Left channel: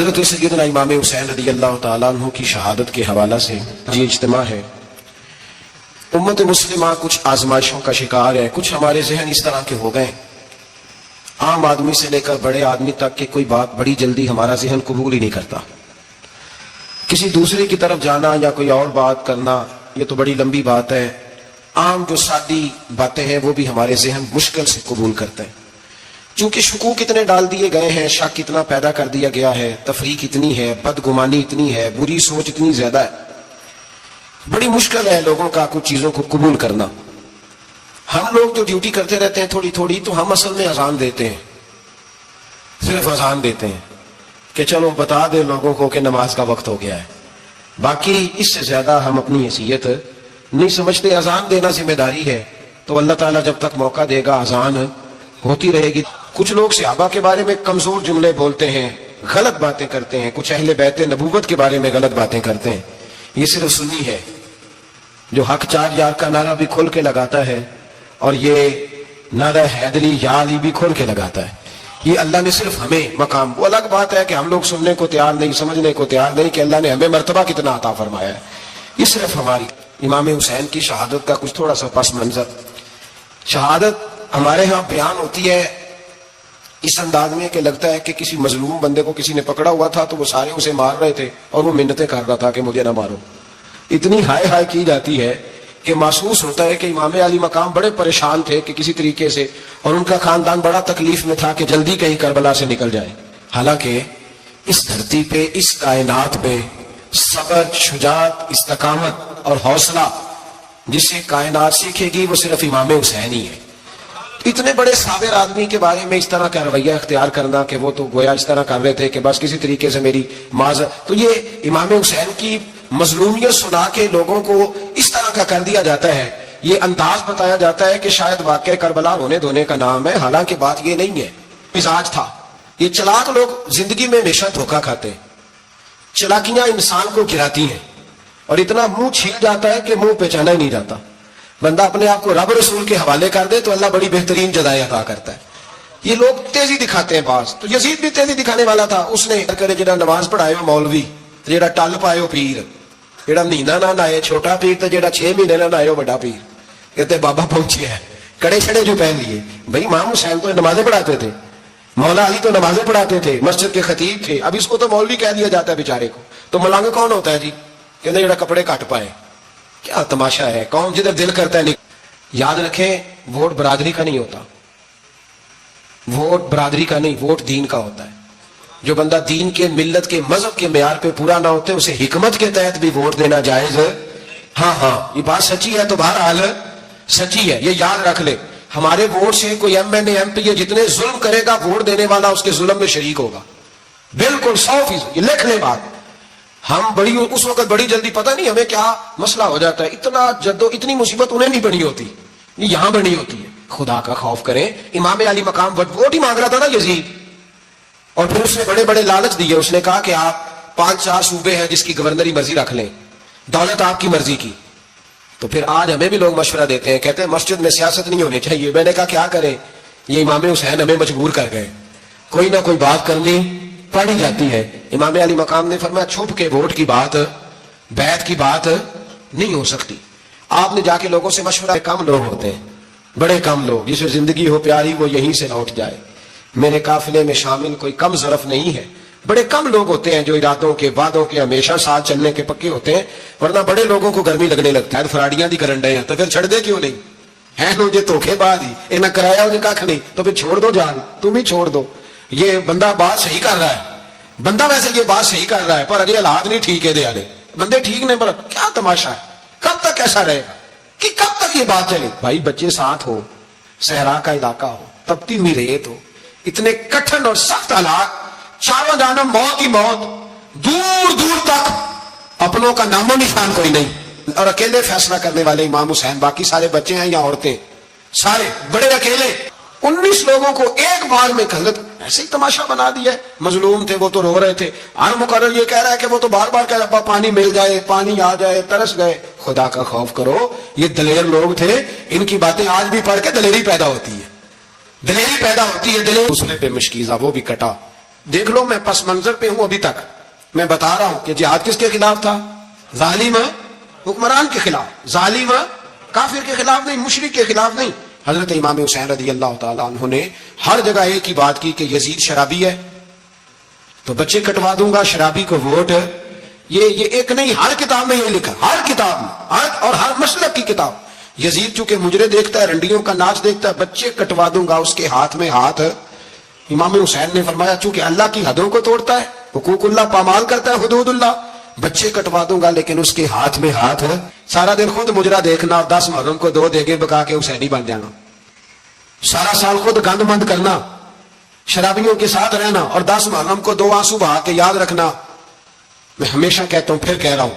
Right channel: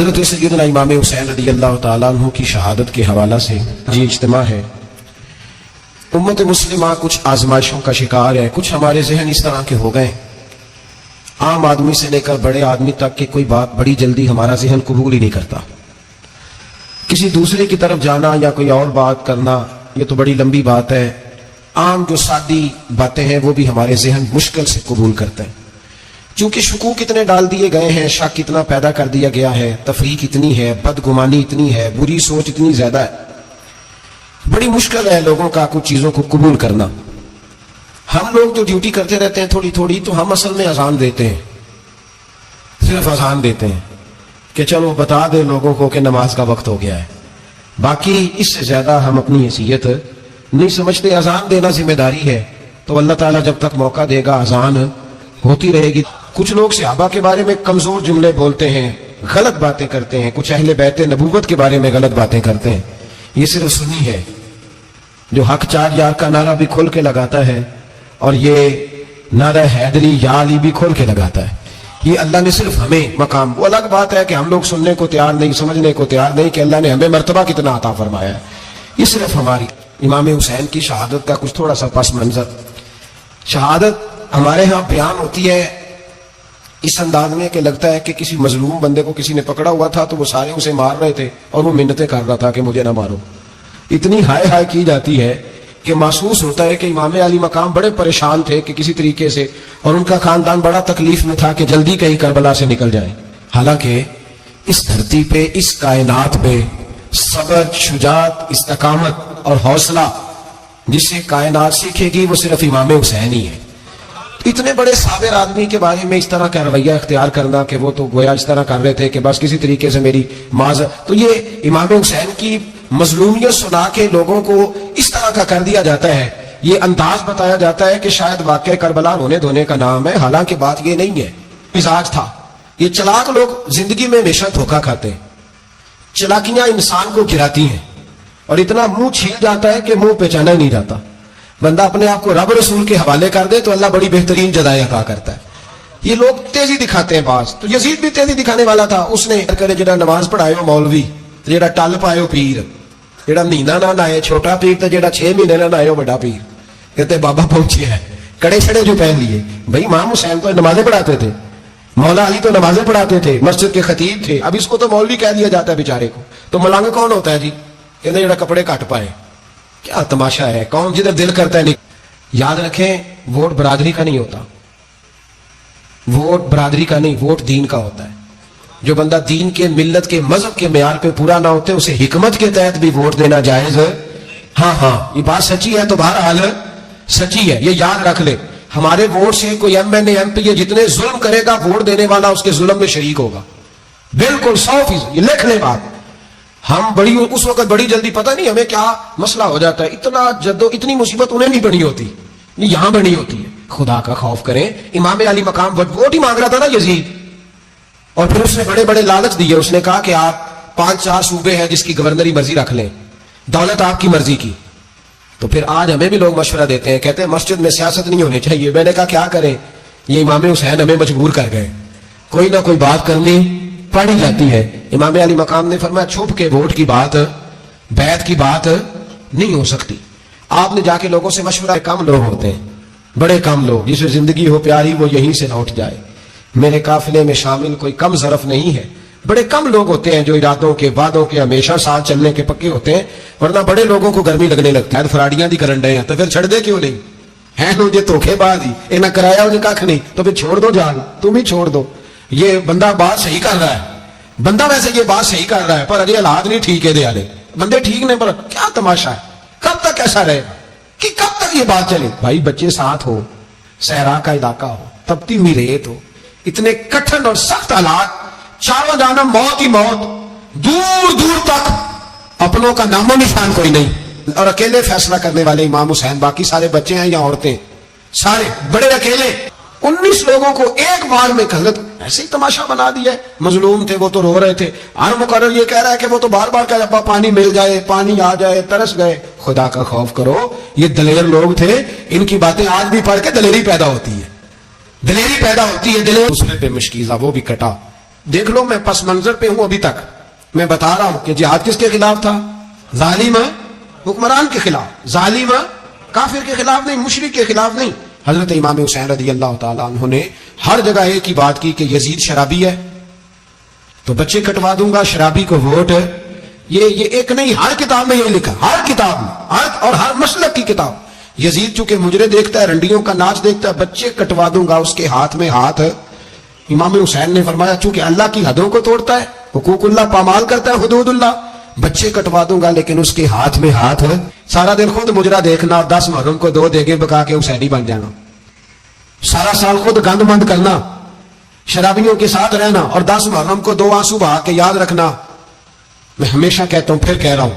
حضرت سیدنا امام حسین رضی اللہ تعالیٰ عنہ کی شہادت کے حوالہ سے یہ اجتماع ہے. امت مسلمہ کچھ آزمائشوں کا شکار ہے. کچھ ہمارے ذہن اس طرح کے ہو گئے, عام آدمی سے لے کر بڑے آدمی تک کہ کوئی بات بڑی جلدی ہمارا ذہن قبول ہی نہیں کرتا. کسی دوسرے کی طرف جانا یا کوئی اور بات کرنا یہ تو بڑی لمبی بات ہے. عام جو سادی باتیں ہیں وہ بھی ہمارے ذہن مشکل سے قبول کرتے ہیں. چونکہ شکوک اتنے ڈال دیے گئے ہیں, شک اتنا پیدا کر دیا گیا ہے, تفریق اتنی ہے, بدگمانی اتنی ہے, بری سوچ اتنی زیادہ ہے, بڑی مشکل ہے لوگوں کا کچھ چیزوں کو قبول کرنا. ہم لوگ جو ڈیوٹی کرتے رہتے ہیں تھوڑی تھوڑی, تو ہم اصل میں اذان دیتے ہیں, صرف اذان دیتے ہیں کہ چلو بتا دیں لوگوں کو کہ نماز کا وقت ہو گیا ہے. باقی اس سے زیادہ ہم اپنی حیثیت نہیں سمجھتے. اذان دینا ذمہ داری ہے, تو اللہ تعالیٰ جب تک موقع دے گا اذان ہوتی رہے گی. کچھ لوگ صحابہ کے بارے میں کمزور جملے بولتے ہیں, غلط باتیں کرتے ہیں, کچھ اہل بیت نبوت کے بارے میں غلط باتیں کرتے ہیں. یہ صرف سنی ہے جو حق چار یار کا نعرہ بھی کھول کے لگاتا ہے, اور یہ نعرہ حیدری یا علی بھی کھول کے لگاتا ہے. یہ اللہ نے صرف ہمیں مقام, وہ الگ بات ہے کہ ہم لوگ سننے کو تیار نہیں, سمجھنے کو تیار نہیں کہ اللہ نے ہمیں مرتبہ کتنا عطا فرمایا ہے. یہ صرف ہماری امام حسین کی شہادت کا کچھ تھوڑا سا پس منظر. شہادت ہمارے ہاں بیان ہوتی ہے اس انداز میں کہ لگتا ہے کہ کسی مظلوم بندے کو کسی نے پکڑا ہوا تھا تو وہ سارے اسے مار رہے تھے اور وہ منتیں کر رہا تھا کہ مجھے نہ مارو. اتنی ہائے ہائے کی جاتی ہے کہ محسوس ہوتا ہے کہ امام علی مقام بڑے پریشان تھے کہ کسی طریقے سے, اور ان کا خاندان بڑا تکلیف میں تھا کہ جلدی کہیں کربلا سے نکل جائیں. حالانکہ اس دھرتی پہ, اس کائنات پہ صبر, شجاعت, استقامت اور حوصلہ جسے کائنات سیکھے گی وہ صرف امام حسین ہی ہے. اتنے بڑے صابر آدمی کے بارے میں اس طرح کا رویہ اختیار کرنا کہ وہ تو گویا اس طرح کر رہے تھے کہ بس کسی طریقے سے میری معذر, تو یہ امام حسین کی مظلومیت سنا کے لوگوں کو اس طرح کا کر دیا جاتا ہے. یہ انداز بتایا جاتا ہے کہ شاید واقعہ کربلا رونے دھونے کا نام ہے, حالانکہ بات یہ نہیں ہے. مزاج تھا. یہ چلاک لوگ زندگی میں ہمیشہ دھوکہ کھاتے ہیں, چلاکیاں انسان کو گراتی ہیں اور اتنا منہ چھیل جاتا ہے کہ منہ پہچانا ہی نہیں جاتا. بندہ اپنے آپ کو رب رسول کے حوالے کر دے تو اللہ بڑی بہترین جزائیں عطا کرتا ہے. یہ لوگ تیزی دکھاتے ہیں بعض, تو یزید بھی تیزی دکھانے والا تھا. اس نے کرے جڑا نماز پڑھائے ہو مولوی, جڑا ٹل پائے ہو پیر, جڑا مہینہ نہ نائے چھوٹا پیر, تو جڑا 6 مہینے نہ نائے ہو بڑا پیر. کہتے بابا پہنچے ہے, کڑے چھڑے جو پہن لیے. بھائی امام حسین تو نمازیں پڑھاتے تھے, مولا علی تو نمازیں پڑھاتے تھے, مسجد کے خطیب تھے. اب اس کو تو مولوی کہہ دیا جاتا ہے بیچارے کو. تو ملنگ کون ہوتا ہے جی؟ کہتے جڑا کپڑے کٹ پائے. کیا تماشا ہے, کون جدھر دل کرتا ہے. یاد رکھیں ووٹ برادری کا نہیں ہوتا, ووٹ برادری کا نہیں, ووٹ دین کا ہوتا ہے. جو بندہ دین کے, ملت کے, مذہب کے معیار پہ پورا نہ ہوتے اسے حکمت کے تحت بھی ووٹ دینا جائز ہے. ہاں یہ بات سچی ہے, تو بہرحال سچی ہے, یہ یاد رکھ لے. ہمارے ووٹ سے کوئی M N A M P جتنے ظلم کرے گا, ووٹ دینے والا اس کے ظلم میں شریک ہوگا, بالکل 100%. یہ لکھ لے بات. ہم بڑی اس وقت بڑی جلدی, پتہ نہیں ہمیں کیا مسئلہ ہو جاتا ہے, اتنا جدو اتنی مصیبت انہیں نہیں بنی ہوتی, یہاں بنی ہوتی ہے. خدا کا خوف کریں. امام علی مقام ووٹ ہی مانگ رہا تھا نا یزید, اور پھر اس نے بڑے بڑے لالچ دیے. اس نے کہا کہ آپ 5-4 صوبے ہیں جس کی گورنری مرضی رکھ لیں, دولت آپ کی مرضی کی. تو پھر آج ہمیں بھی لوگ مشورہ دیتے ہیں, کہتے ہیں مسجد میں سیاست نہیں ہونی چاہیے. میں نے کہا کیا کریں, یہ امام حسین ہمیں مجبور کر گئے. کوئی نہ کوئی بات کرنی پڑی جاتی ہے. امام علی مقام نے فرمایا چھپ کے ووٹ کی بات, بیعت کی بات نہیں ہو سکتی. آپ نے جا کے لوگوں سے مشورہ, کم لوگ ہوتے ہیں, بڑے کم لوگ, جسے زندگی ہو پیاری وہ یہیں سے لوٹ جائے. میرے قافلے میں شامل کوئی کم ظرف نہیں ہے. بڑے کم لوگ ہوتے ہیں جو ارادوں کے, وعدوں کے ہمیشہ ساتھ چلنے کے پکے ہوتے ہیں, ورنہ بڑے لوگوں کو گرمی لگنے لگتا ہے. فراڈیاں دی کرن ڈے ہیں تو پھر چھڑ دے کیوں نہیں ہیں لو, یہ دھوکے باز ہی, انہیں کرایا انہیں کھ نہیں, تو پھر چھوڑ دو جان, تم ہی چھوڑ دو. یہ بندہ بات صحیح کر رہا ہے, بندہ ویسے یہ بات صحیح کر رہا ہے, پر اگلے حالات نہیں ٹھیک ہے. دے آلے بندے ٹھیک نہیں, پر کیا تماشا ہے, کب تک ایسا رہے گا, کہ کب تک یہ بات چلے. بھائی بچے ساتھ ہو, صحرا کا علاقہ ہو, تپتی ہوئی ریت ہو, اتنے کٹھن اور سخت حالات, چاروں جانب موت ہی موت, دور دور تک اپنوں کا نام و نشان کوئی نہیں, اور اکیلے فیصلہ کرنے والے امام حسین. باقی سارے بچے ہیں یا عورتیں, سارے بڑے اکیلے. 19 لوگوں کو ایک بار میں غلط ایسے ہی تماشا بنا دیا. مظلوم تھے وہ تو رو رہے تھے, ہر مقرر یہ کہہ رہا ہے کہ وہ تو بار بار کہہ رہا پانی مل جائے, پانی آ جائے, ترس گئے. خدا کا خوف کرو, یہ دلیر لوگ تھے, ان کی باتیں آج بھی پڑھ کے دلیری پیدا ہوتی ہے, دلیری پیدا ہوتی ہے. دلیر دوسرے پہ مشکیزہ, وہ بھی کٹا, دیکھ لو میں پس منظر پہ ہوں ابھی تک. میں بتا رہا ہوں کہ جہاد کس کے خلاف تھا؟ ظالم حکمران کے خلاف، ظالم کافر کے خلاف نہیں، مشرک کے خلاف نہیں. حضرت امام حسین رضی اللہ تعالیٰ عنہ نے ہر جگہ ایک ہی بات کی کہ یزید شرابی ہے تو بچے کٹوا دوں گا، شرابی کو ووٹ. یہ ایک نہیں، ہر کتاب میں یہ لکھا، ہر کتاب میں، اور ہر مسلک کی کتاب. یزید چونکہ مجرے دیکھتا ہے، رنڈیوں کا ناچ دیکھتا ہے، بچے کٹوا دوں گا، اس کے ہاتھ میں ہاتھ. امام حسین نے فرمایا چونکہ اللہ کی حدوں کو توڑتا ہے، حقوق اللہ پامال کرتا ہے، حدود اللہ، بچے کٹوا دوں گا لیکن اس کے ہاتھ میں ہاتھ ہے. سارا دن خود مجرا دیکھنا اور 10 محرم کو 2 دیگے بکا کے حسینی بن جانا، سارا سال خود گند مند کرنا، شرابیوں کے ساتھ رہنا اور 10 محرم کو 2 آنسو بہا کے یاد رکھنا. میں ہمیشہ کہتا ہوں، پھر کہہ رہا ہوں،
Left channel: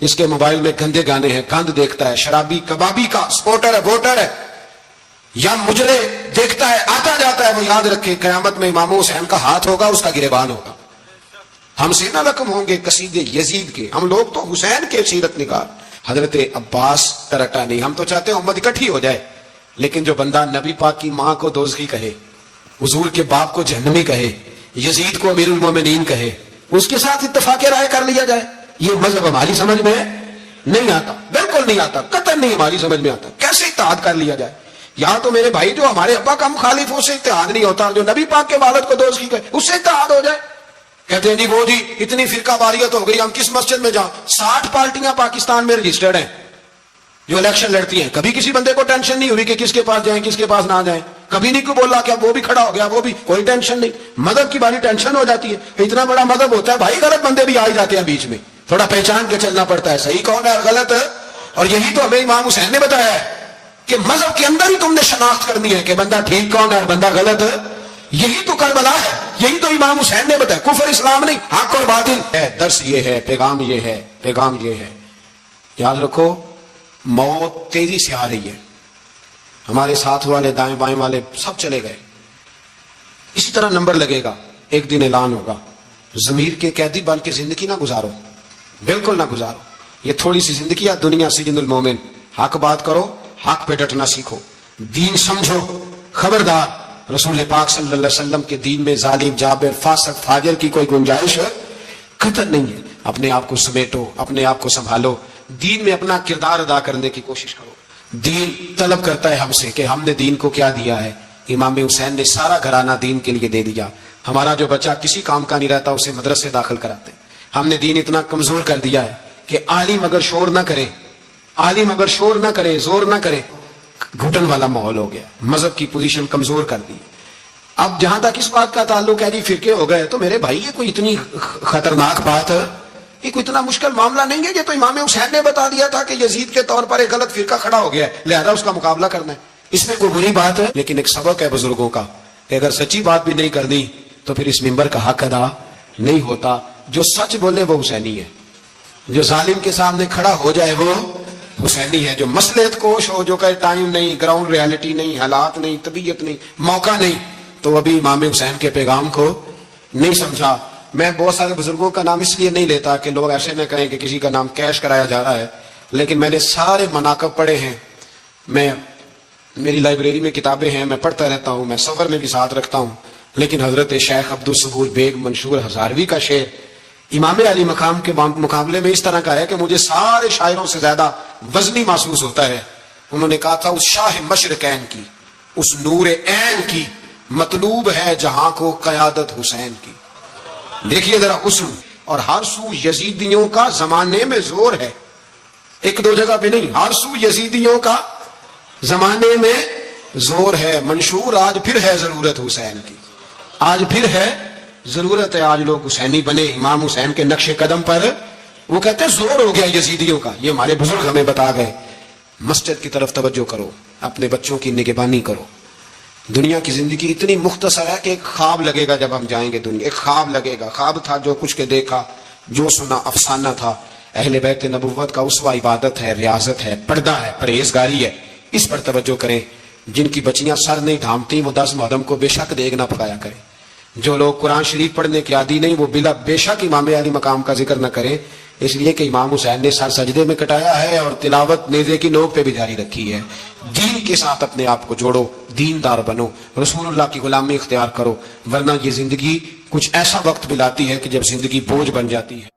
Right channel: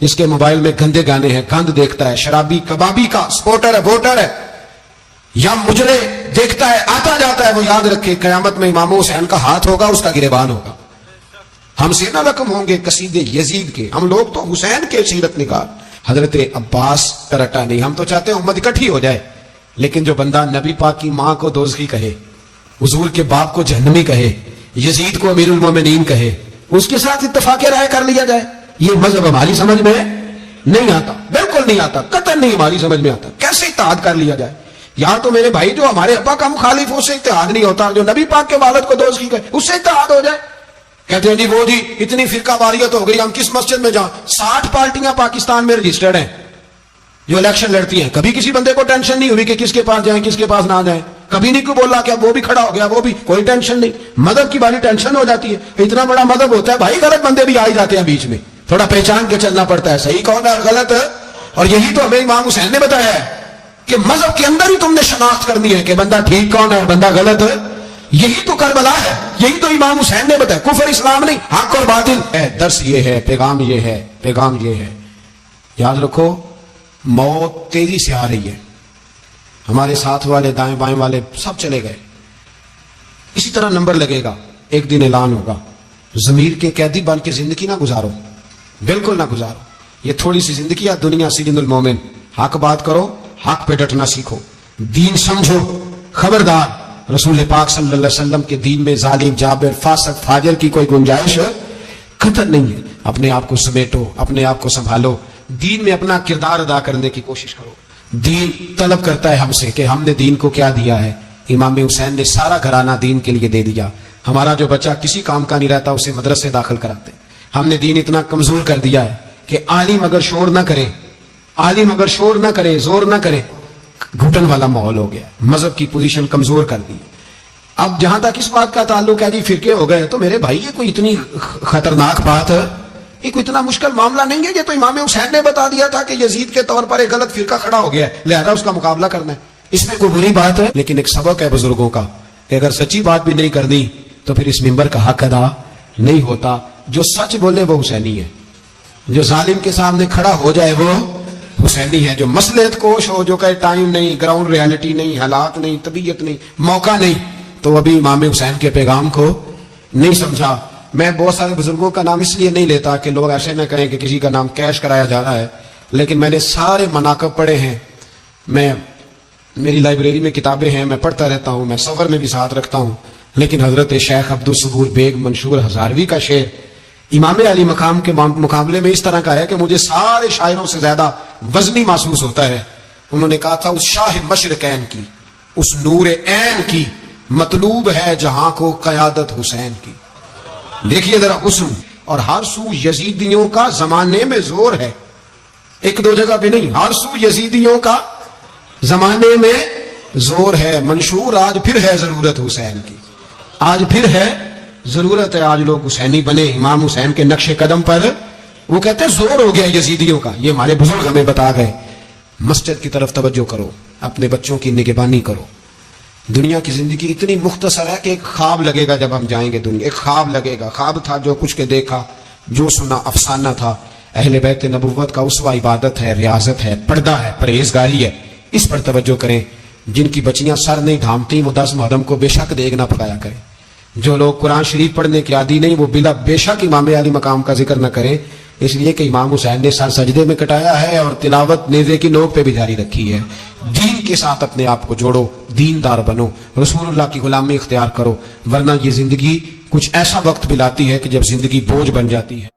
جس کے موبائل میں گندے گانے ہیں، گند دیکھتا ہے، شرابی کبابی کا سپورٹر ہے، ووٹر ہے، یا مجرے دیکھتا ہے آتا جاتا ہے، وہ یاد رکھے قیامت میں امام حسین کا ہاتھ ہوگا، اس کا گریبان ہوگا. ہم سے نہ رقم ہوں گے قصیدے یزید کے، ہم لوگ تو حسین کے سیرت نگار. حضرت عباس کرٹا نہیں، ہم تو چاہتے ہیں امت اکٹھی ہو جائے، لیکن جو بندہ نبی پاک کی ماں کو دوزخی کہے، حضور کے باپ کو جہنمی کہے، یزید کو امیر المومنین کہے، اس کے ساتھ اتفاق رائے کر لیا جائے، یہ مذہب ہماری سمجھ میں نہیں آتا، بالکل نہیں آتا، قطعا نہیں ہماری سمجھ میں آتا. کیسے اتحاد کر لیا جائے؟ یہاں تو میرے بھائی جو ہمارے ابا کا مخالف ہو، اس سے اتحاد نہیں ہوتا. جو نبی پاک کے والد کو دوزخی کہے، اس سے اتحاد ہو جائے. کہتے ہیں جی وہ جی اتنی فرقہ واریت ہو گئی، ہم کس مسجد میں جائیں؟ 60 پارٹیاں پاکستان میں رجسٹرڈ ہیں جو الیکشن لڑتی ہیں. کبھی کسی بندے کو ٹینشن نہیں ہوئی کہ کس کے پاس جائیں کس کے پاس نہ جائیں. کبھی نہیں کوئی بولا کہ وہ بھی کھڑا ہو گیا، وہ بھی، کوئی ٹینشن نہیں. مذہب کی باری ٹینشن ہو جاتی ہے. اتنا بڑا مذہب ہوتا ہے بھائی، غلط بندے بھی آ جاتے ہیں بیچ میں، تھوڑا پہچان کے چلنا پڑتا ہے، صحیح کون ہے اور غلط ہے. اور یہی تو ہمیں امام حسین نے بتایا ہے کہ مذہب کے اندر ہی تم نے شناخت کرنی ہے کہ بندہ ٹھیک کون ہے اور بندہ غلط ہے. یہی تو کربلا ہے، یہی تو امام حسین نے بتایا. کفر اسلام نہیں، حق اور باطل ہے. درس یہ ہے، پیغام یہ ہے، پیغام یہ ہے. یاد رکھو موت تیزی سے آ رہی ہے. ہمارے ساتھ والے دائیں بائیں والے سب چلے گئے. اسی طرح نمبر لگے گا، ایک دن اعلان ہوگا. ضمیر کے قیدی بن کے زندگی نہ گزارو، بالکل نہ گزارو. یہ تھوڑی سی زندگی ہے دنیا. سجن المومن، حق بات کرو، حق پہ ڈٹنا سیکھو، دین سمجھو. خبردار رسول پاک صلی اللہ علیہ وسلم کے دین میں ظالم، جابر، فاسق، فاجر کی کوئی گنجائش قطع نہیں ہے. اپنے آپ کو سمیٹو، اپنے آپ کو سنبھالو، دین میں اپنا کردار ادا کرنے کی کوشش کرو. دین طلب کرتا ہے ہم سے کہ ہم نے دین کو کیا دیا ہے. امام حسین نے سارا گھرانہ دین کے لیے دے دیا. ہمارا جو بچہ کسی کام کا نہیں رہتا اسے مدرسے داخل کراتے. ہم نے دین اتنا کمزور کر دیا ہے کہ عالم اگر شور نہ کرے، عالم اگر شور نہ کرے، زور نہ کرے، گھٹن والا ماحول ہو گیا. مذہب کی پوزیشن کمزور کر دی. اب جہاں تک اس بات کا تعلق ہے جی فرقے ہو گئے، تو میرے بھائی یہ کوئی اتنی خطرناک بات ہے، یہ کوئی اتنا مشکل معاملہ نہیں ہے. یہ تو امام حسین نے بتا دیا تھا کہ یزید کے طور پر ایک غلط فرقہ کھڑا ہو گیا ہے، لہذا اس کا مقابلہ کرنا ہے. اس میں کوئی بری بات ہے، لیکن ایک سبق ہے بزرگوں کا کہ اگر سچی بات بھی نہیں کرنی تو پھر اس ممبر کا حق ادا نہیں ہوتا. جو سچ بولے وہ حسینی ہے، جو ظالم کے سامنے کھڑا ہو جائے وہ حسینی ہے. جو مصلحت کوش ہو، جو کہے ٹائم نہیں، گراؤنڈ ریالٹی نہیں، حالات نہیں، طبیعت نہیں، موقع نہیں، تو ابھی امام حسین کے پیغام کو نہیں سمجھا. میں بہت سارے بزرگوں کا نام اس لیے نہیں لیتا کہ لوگ ایسے نہ کہیں کہ کسی کا نام کیش کرایا جا رہا ہے، لیکن میں نے سارے مناقب پڑھے ہیں. میری لائبریری میں کتابیں ہیں، میں پڑھتا رہتا ہوں، میں سفر میں بھی ساتھ رکھتا ہوں. لیکن حضرت شیخ عبدالصبور بیگ منشور ہزاروی کا شعر امام علی مقام کے مقابلے میں اس طرح کا ہے کہ مجھے سارے شاعروں سے زیادہ وزنی محسوس ہوتا ہے. انہوں نے کہا تھا اس شاہ مشرقین کی، اس نور عین کی مطلوب ہے جہاں کو قیادت حسین کی. دیکھیے ذرا حسن. اور ہر سو یزیدیوں کا زمانے میں زور ہے، ایک دو جگہ پہ نہیں، ہر سو یزیدیوں کا زمانے میں زور ہے. منشور آج پھر ہے ضرورت حسین کی، آج پھر ہے ضرورت ہے. آج لوگ حسینی بنے امام حسین کے نقش قدم پر. وہ کہتے ہیں زور ہو گیا یزیدیوں کا. یہ ہمارے بزرگ ہمیں بتا گئے. مسجد کی طرف توجہ کرو، اپنے بچوں کی نگہبانی کرو. دنیا کی زندگی اتنی مختصر ہے کہ ایک خواب لگے گا جب ہم جائیں گے دنیا، ایک خواب لگے گا. خواب تھا جو کچھ کے دیکھا، جو سنا افسانہ تھا. اہل بیت نبوت کا اسوہ عبادت ہے، ریاضت ہے، پردہ ہے، پرہیزگاری ہے. اس پر توجہ کریں. جن کی بچیاں سر نہیں ڈھانپتی وہ 10 محرم کو بے شک دیگ نہ پکایا کریں. جو لوگ قرآن شریف پڑھنے کے عادی نہیں وہ بلا بے شک امام علی مقام کا ذکر نہ کریں، اس لیے کہ امام حسین نے سر سجدے میں کٹایا ہے اور تلاوت نیزے کی نوک پہ بھی جاری رکھی ہے. دین کے ساتھ اپنے آپ کو جوڑو، دیندار بنو، رسول اللہ کی غلامی اختیار کرو، ورنہ یہ زندگی کچھ ایسا وقت بھی لاتی ہے کہ جب زندگی بوجھ بن جاتی ہے۔